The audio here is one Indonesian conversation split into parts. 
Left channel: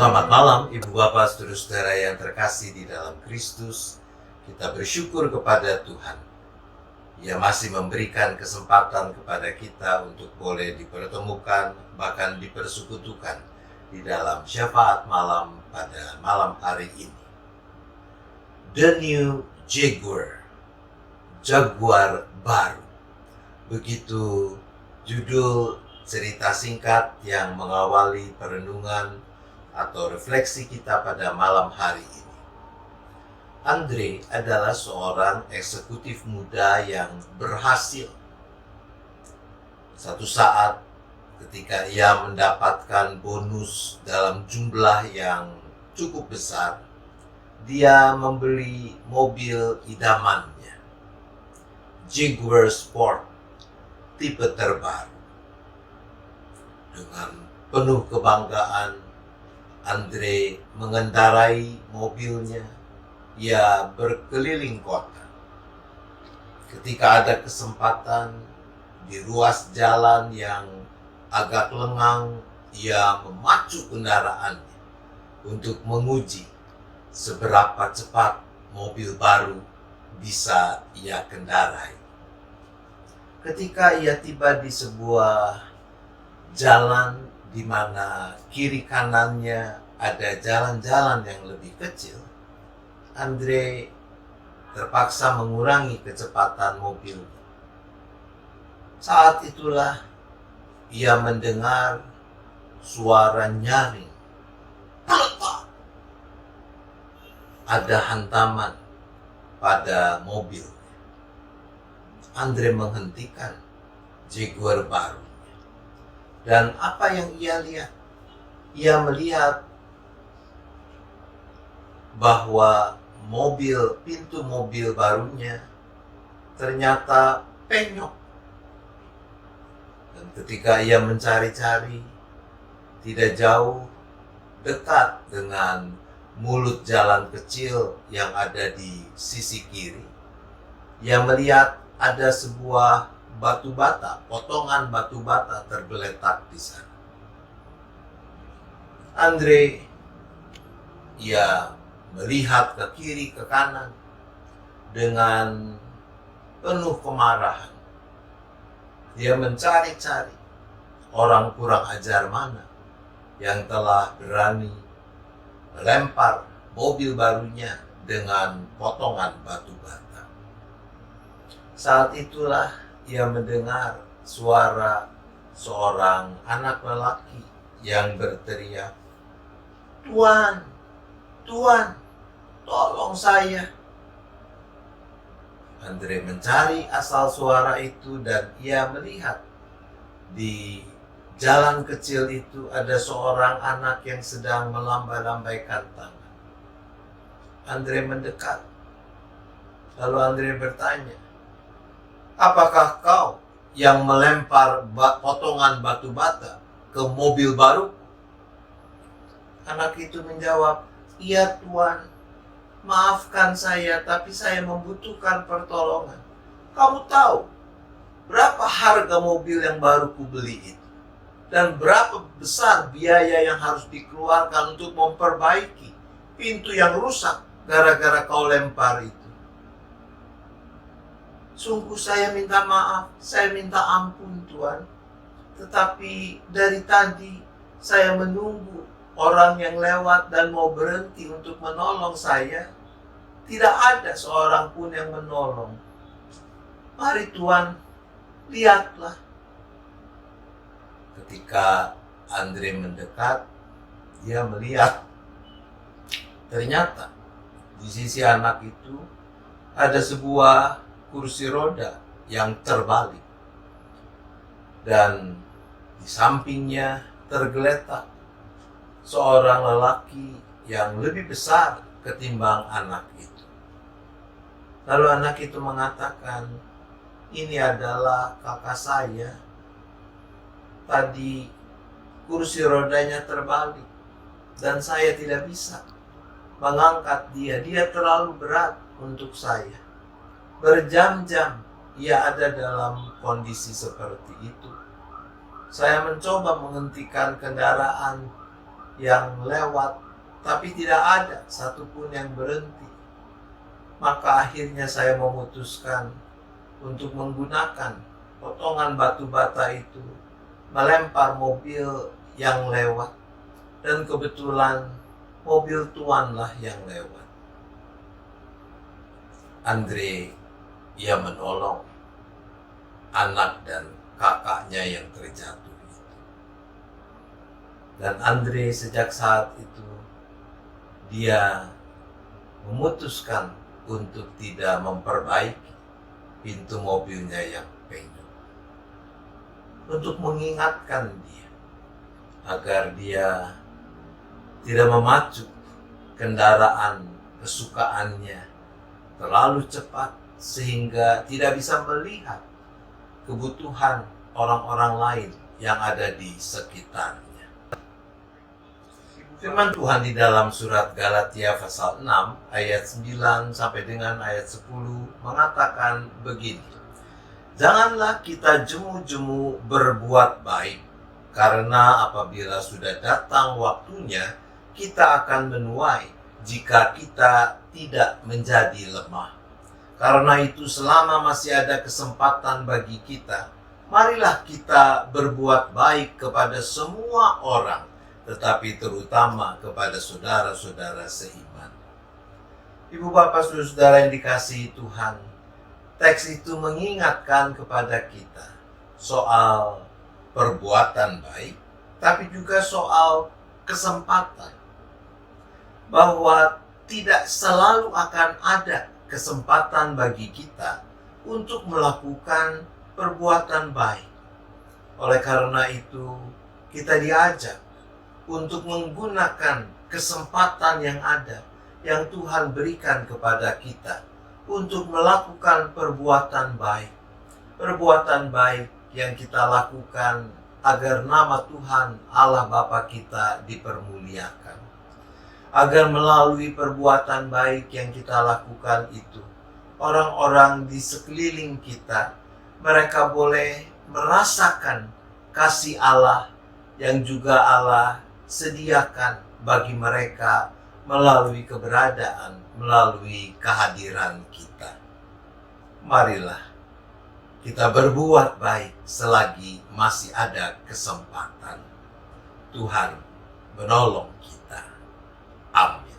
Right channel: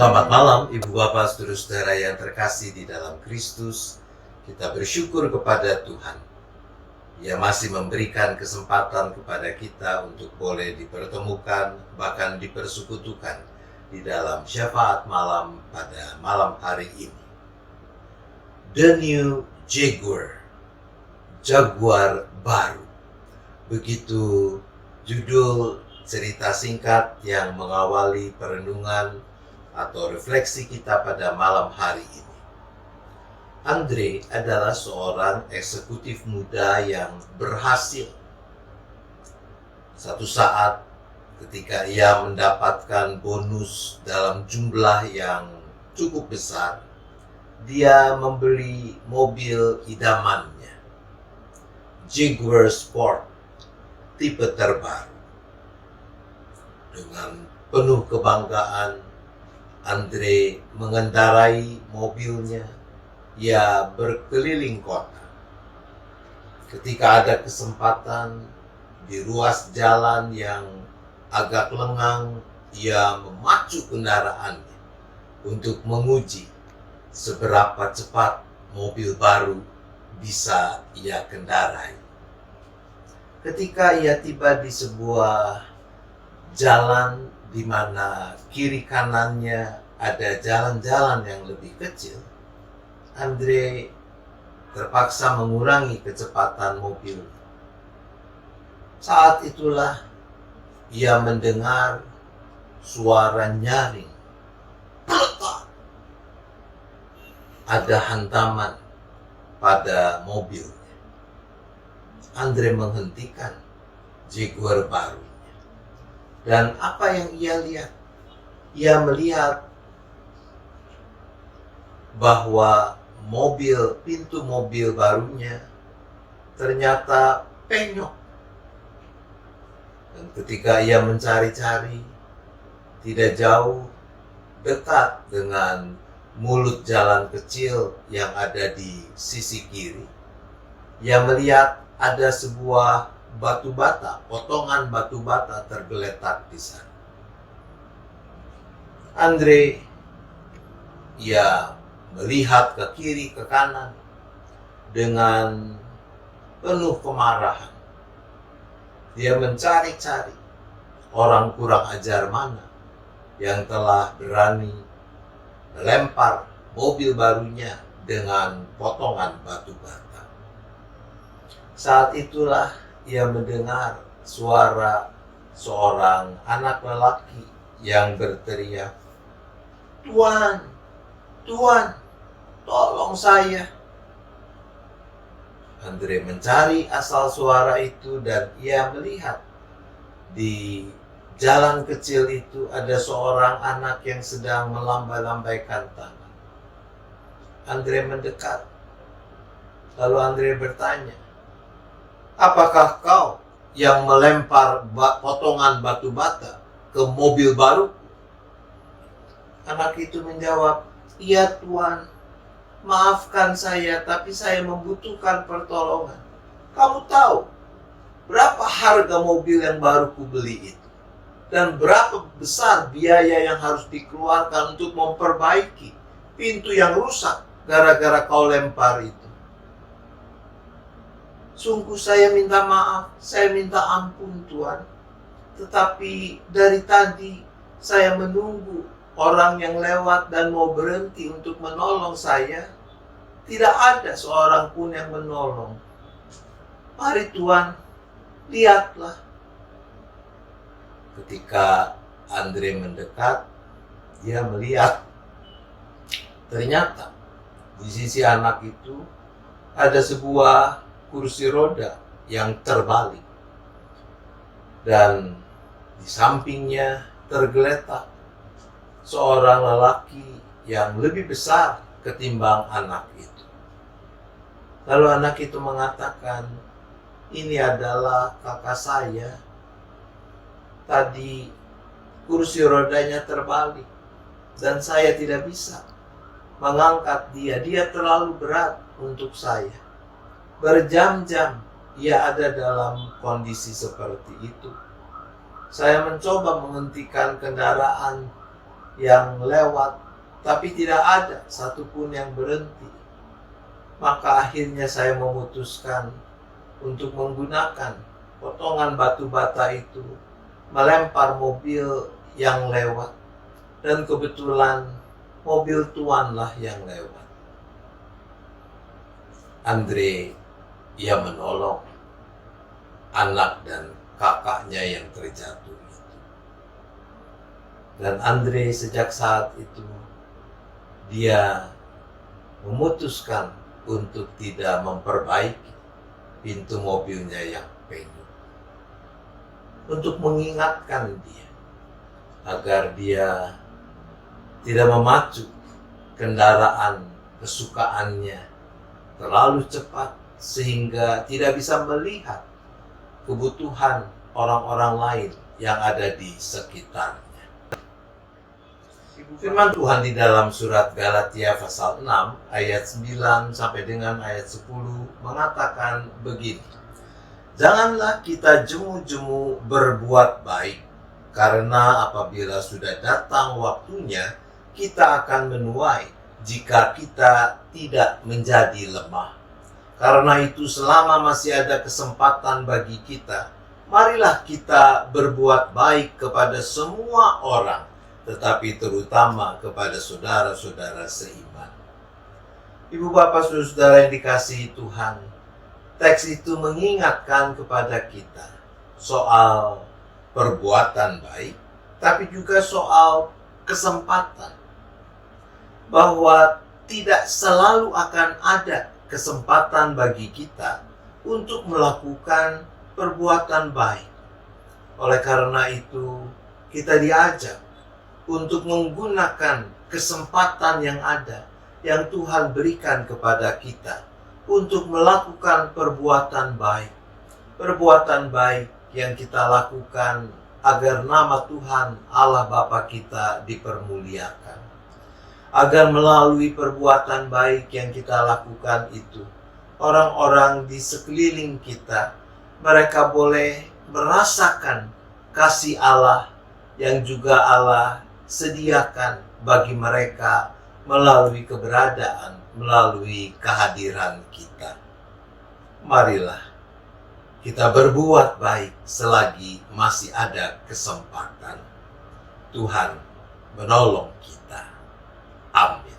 Selamat malam Ibu Bapak Saudara-saudara yang terkasih di dalam Kristus. Kita bersyukur kepada Tuhan. Ia masih memberikan kesempatan kepada kita untuk boleh dipertemukan, bahkan dipersekutukan di dalam syafaat malam pada malam hari ini. The New Jaguar, Jaguar baru. Begitu judul cerita singkat yang mengawali perenungan atau refleksi kita pada malam hari ini. Andre adalah seorang eksekutif muda yang berhasil. Satu saat ketika ia mendapatkan bonus dalam jumlah yang cukup besar, dia membeli mobil idamannya, Jaguar Sport tipe terbaru. Dengan penuh kebanggaan, Andre mengendarai mobilnya. Ia berkeliling kota. Ketika ada kesempatan di ruas jalan yang agak lengang, ia memacu kendaraannya untuk menguji seberapa cepat mobil baru bisa ia kendarai. Ketika ia tiba di sebuah jalan di mana kiri kanannya ada jalan-jalan yang lebih kecil, Andre terpaksa mengurangi kecepatan mobilnya. Saat itulah ia mendengar suara nyaring. Peletak! Ada hantaman pada mobilnya. Andre menghentikan Jaguar baru. Dan apa yang ia lihat? Ia melihat bahwa pintu mobil barunya ternyata penyok. Dan ketika ia mencari-cari, tidak jauh dekat dengan mulut jalan kecil yang ada di sisi kiri, ia melihat ada sebuah batu bata, potongan batu bata tergeletak di sana. Andre, ia melihat ke kiri ke kanan dengan penuh kemarahan. Dia mencari-cari orang kurang ajar mana yang telah berani melempar mobil barunya dengan potongan batu bata. Saat itulah ia mendengar suara seorang anak lelaki yang berteriak, "Tuan, Tuan, tolong saya." Andre mencari asal suara itu dan ia melihat di jalan kecil itu ada seorang anak yang sedang melambai-lambaikan tangan. Andre mendekat. Lalu Andre bertanya, "Apakah kau yang melempar potongan batu bata ke mobil baruku?" Anak itu menjawab, "Iya Tuan, maafkan saya, tapi saya membutuhkan pertolongan. Kamu tahu berapa harga mobil yang baru kubeli itu? Dan berapa besar biaya yang harus dikeluarkan untuk memperbaiki pintu yang rusak gara-gara kau lempar itu? Sungguh saya minta maaf, saya minta ampun Tuan. Tetapi dari tadi saya menunggu orang yang lewat dan mau berhenti untuk menolong saya. Tidak ada seorang pun yang menolong. Mari Tuan, lihatlah." Ketika Andre mendekat, dia melihat ternyata di sisi anak itu ada sebuah kursi roda yang terbalik, dan di sampingnya tergeletak seorang lelaki yang lebih besar ketimbang anak itu. Lalu anak itu mengatakan, "Ini adalah kakak saya. Tadi kursi rodanya terbalik dan saya tidak bisa mengangkat dia. Dia terlalu berat untuk saya." Berjam-jam ia ada dalam kondisi seperti itu. Saya mencoba menghentikan kendaraan yang lewat, tapi tidak ada satupun yang berhenti. Maka akhirnya saya memutuskan untuk menggunakan potongan batu bata itu melempar mobil yang lewat, dan kebetulan mobil tuanlah yang lewat. Andre, ia menolong anak dan kakaknya yang terjatuh itu. Dan Andre sejak saat itu dia memutuskan untuk tidak memperbaiki pintu mobilnya yang penuh, untuk mengingatkan dia agar dia tidak memacu kendaraan kesukaannya terlalu cepat sehingga tidak bisa melihat kebutuhan orang-orang lain yang ada di sekitarnya. Firman Tuhan di dalam surat Galatia pasal 6 ayat 9 sampai dengan ayat 10 mengatakan begini. Janganlah kita jemu-jemu berbuat baik, karena apabila sudah datang waktunya, kita akan menuai jika kita tidak menjadi lemah. Karena itu selama masih ada kesempatan bagi kita, marilah kita berbuat baik kepada semua orang, tetapi terutama kepada saudara-saudara seiman. Ibu bapak saudara yang dikasihi Tuhan, teks itu mengingatkan kepada kita soal perbuatan baik, tapi juga soal kesempatan. Bahwa tidak selalu akan ada kesempatan bagi kita untuk melakukan perbuatan baik. Oleh karena itu, kita diajak untuk menggunakan kesempatan yang ada, yang Tuhan berikan kepada kita, untuk melakukan perbuatan baik. Perbuatan baik yang kita lakukan agar nama Tuhan Allah Bapa kita dipermuliakan. Agar melalui perbuatan baik yang kita lakukan itu, orang-orang di sekeliling kita, mereka boleh merasakan kasih Allah yang juga Allah sediakan bagi mereka melalui keberadaan, melalui kehadiran kita. Marilah kita berbuat baik selagi masih ada kesempatan. Tuhan menolong kita. Amin.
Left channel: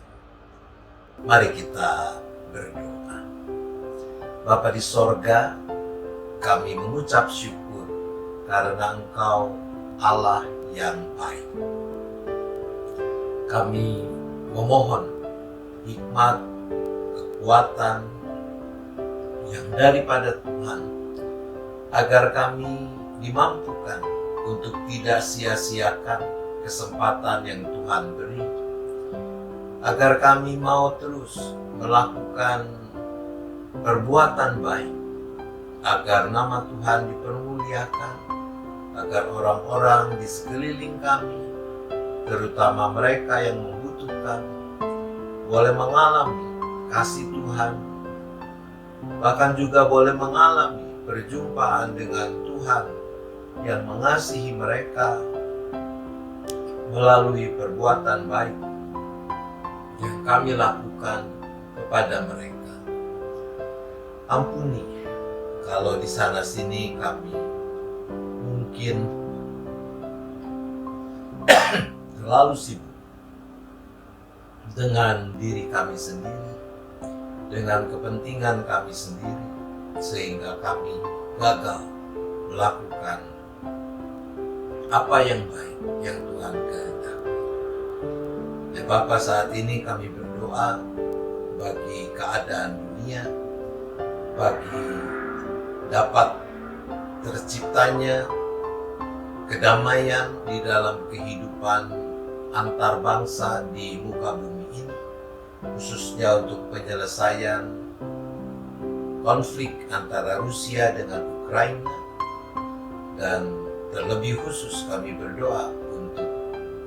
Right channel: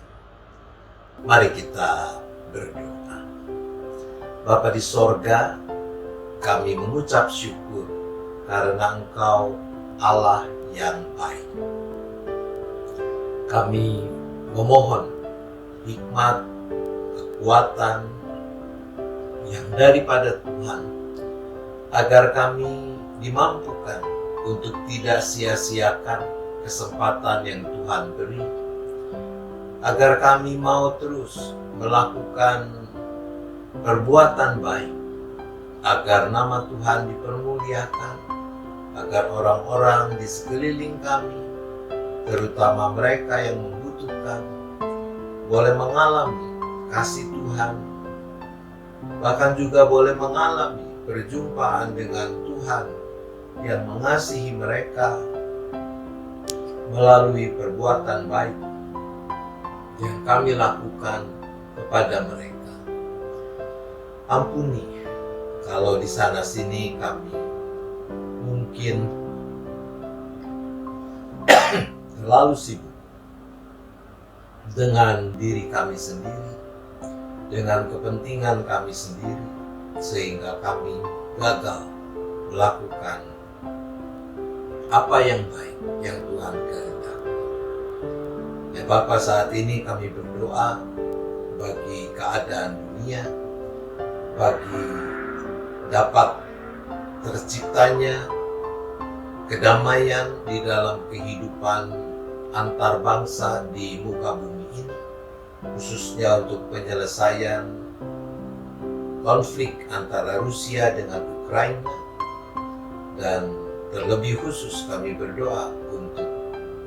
Mari kita berdoa. Bapa di sorga, kami mengucap syukur karena Engkau Allah yang baik. Kami memohon hikmat, kekuatan yang daripada Tuhan, agar kami dimampukan untuk tidak sia-siakan kesempatan yang Tuhan beri, agar kami mau terus melakukan perbuatan baik, agar nama Tuhan dipermuliakan, agar orang-orang di sekeliling kami, terutama mereka yang membutuhkan, boleh mengalami kasih Tuhan, bahkan juga boleh mengalami perjumpaan dengan Tuhan yang mengasihi mereka melalui perbuatan baik yang kami lakukan kepada mereka. Ampuni kalau di sana sini kami mungkin terlalu sibuk dengan diri kami sendiri, dengan kepentingan kami sendiri, sehingga kami gagal melakukan apa yang baik yang Tuhan kehendaki. Ya Bapa, saat ini kami berdoa bagi keadaan dunia, bagi dapat terciptanya kedamaian di dalam kehidupan antar bangsa di muka bumi ini, khususnya untuk penyelesaian konflik antara Rusia dengan Ukraina, dan terlebih khusus kami berdoa untuk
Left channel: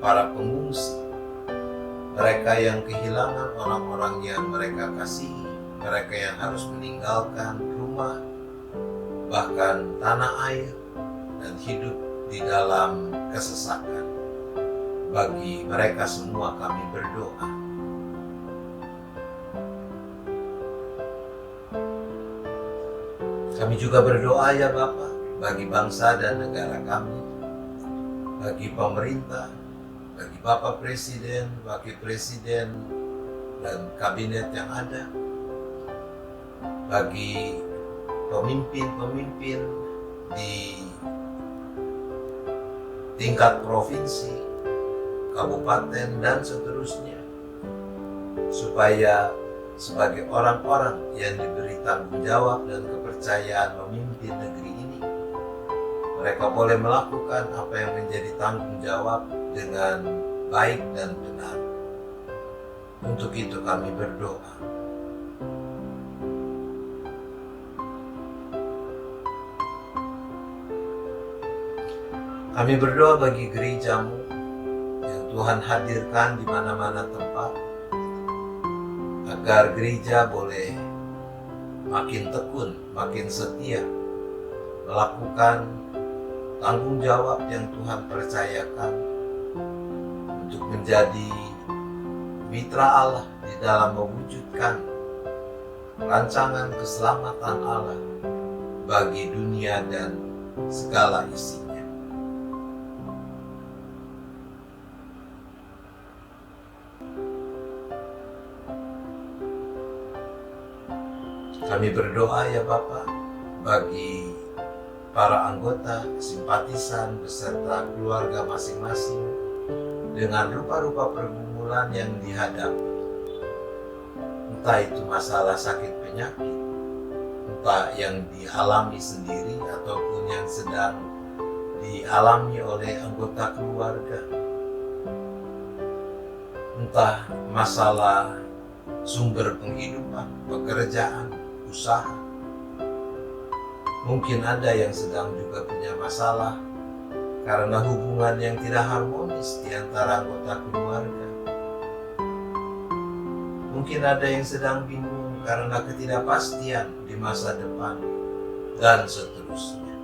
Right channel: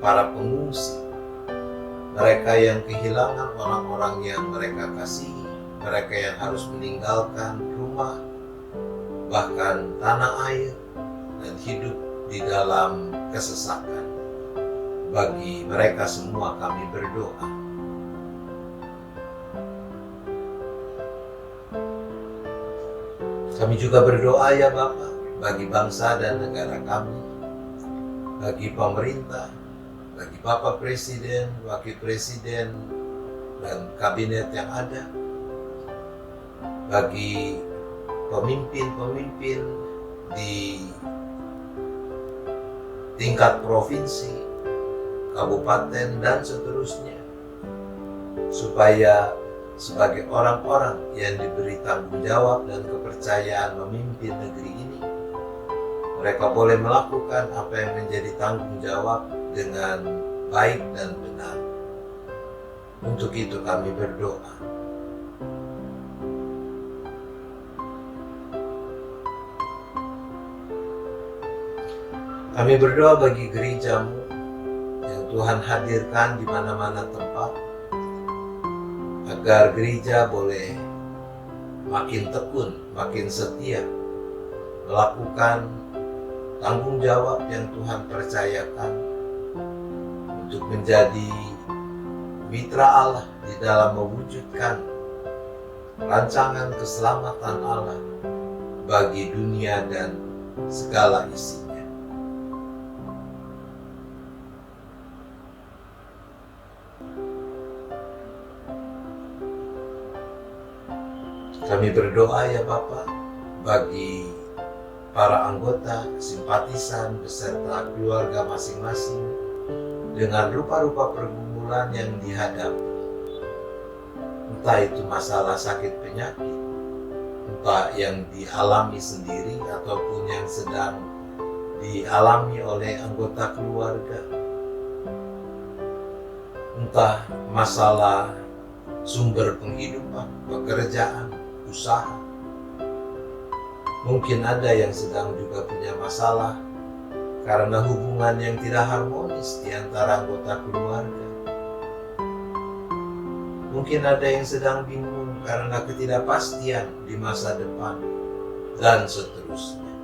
para pengungsi, mereka yang kehilangan orang-orang yang mereka kasihi, mereka yang harus meninggalkan rumah, bahkan tanah air, dan hidup di dalam kesesakan. Bagi mereka semua kami berdoa. Kami juga berdoa ya Bapa, bagi bangsa dan negara kami, bagi pemerintah, bagi Bapak Presiden, Wakil Presiden, dan kabinet yang ada, bagi pemimpin-pemimpin di tingkat provinsi, kabupaten, dan seterusnya, supaya sebagai orang-orang yang diberi tanggung jawab dan kepercayaan memimpin negeri ini, mereka boleh melakukan apa yang menjadi tanggung jawab dengan baik dan benar. Untuk itu kami berdoa. Kami berdoa bagi gerejamu yang Tuhan hadirkan di mana-mana tempat, agar gereja boleh makin tekun, makin setia melakukan tanggung jawab yang Tuhan percayakan untuk menjadi mitra Allah di dalam mewujudkan rancangan keselamatan Allah bagi dunia dan segala isinya. Kami berdoa ya Bapa bagi para anggota, simpatisan, beserta keluarga masing-masing dengan rupa-rupa pergumulan yang dihadapi. Entah itu masalah sakit penyakit, entah yang dialami sendiri ataupun yang sedang dialami oleh anggota keluarga. Entah masalah sumber penghidupan, pekerjaan, usaha. Mungkin ada yang sedang juga punya masalah karena hubungan yang tidak harmonis di antara anggota keluarga. Mungkin ada yang sedang bingung karena ketidakpastian di masa depan, dan seterusnya.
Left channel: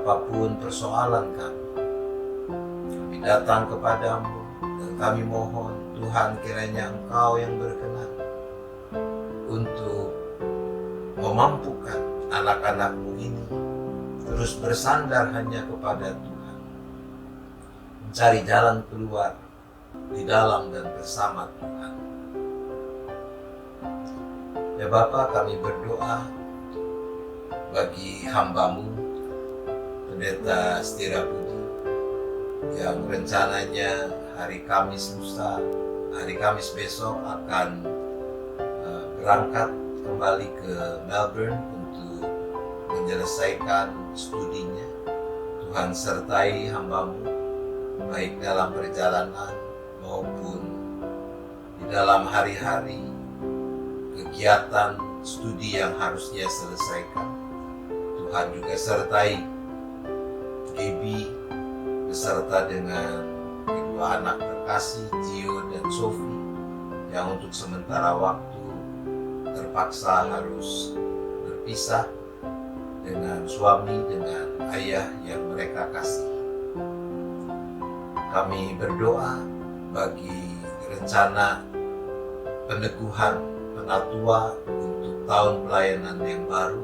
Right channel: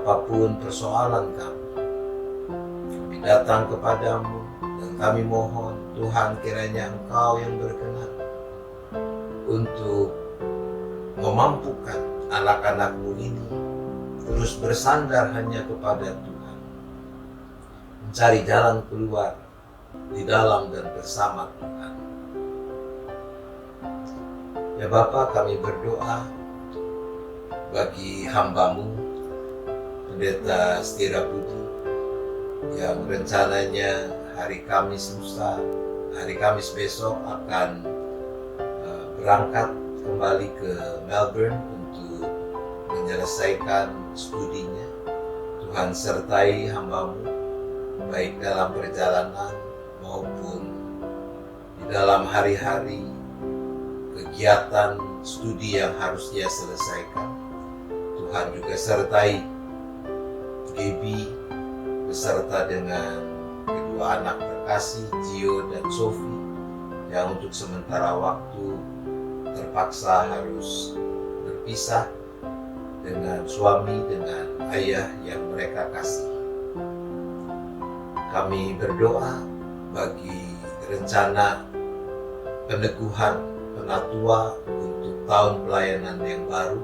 Apapun persoalan kami datang kepadamu dan kami mohon Tuhan, kiranya Engkau yang berkenan untuk memampukan anak-anak-Mu ini terus bersandar hanya kepada Tuhan, mencari jalan keluar di dalam dan bersama Tuhan. Ya Bapa, kami berdoa bagi hamba-Mu, Pendeta Setira Budi, yang rencananya hari Kamis lusa, hari Kamis besok akan berangkat kembali ke Melbourne untuk menyelesaikan studinya. Tuhan sertai hamba-Mu baik dalam perjalanan maupun di dalam hari-hari kegiatan studi yang harus dia selesaikan. Tuhan juga sertai Gaby beserta dengan kedua anak terkasih, Gio dan Sophie, yang untuk sementara waktu terpaksa harus berpisah dengan suami, dengan ayah yang mereka kasih. Kami berdoa bagi rencana peneguhan penatua untuk tahun pelayanan yang baru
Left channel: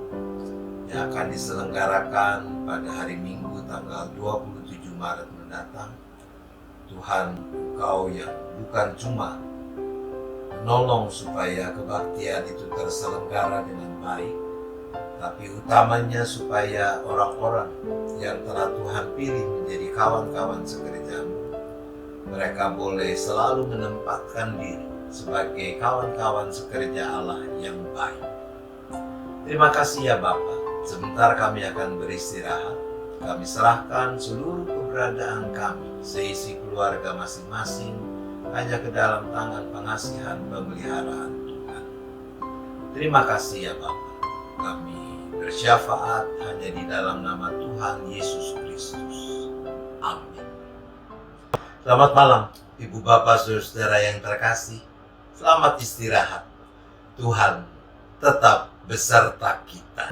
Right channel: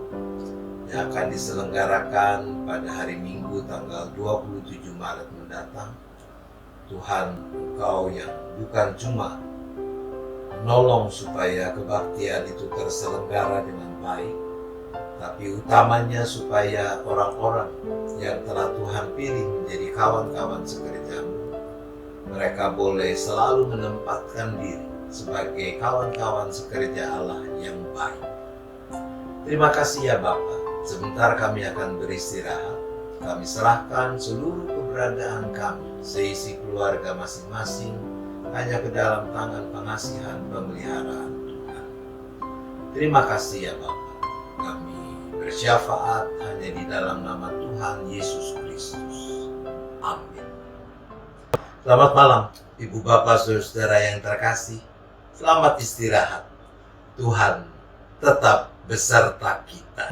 yang akan diselenggarakan pada hari Minggu tanggal 27 Maret mendatang. Tuhan, Engkau yang bukan cuma menolong supaya kebaktian itu terselenggara dengan baik, tapi utamanya supaya orang-orang yang telah Tuhan pilih menjadi kawan-kawan sekerjamu, mereka boleh selalu menempatkan diri sebagai kawan-kawan sekerja Allah yang baik. Terima kasih ya Bapa. Sebentar kami akan beristirahat. Kami serahkan seluruh keberadaan kami, seisi keluarga masing-masing, hanya ke dalam tangan pengasihan pemeliharaan Tuhan. Terima kasih ya Bapa. Kami bersyafaat hanya di dalam nama Tuhan Yesus Kristus. Amin. Selamat malam Ibu Bapak Saudara yang terkasih. Selamat istirahat. Tuhan tetap beserta kita.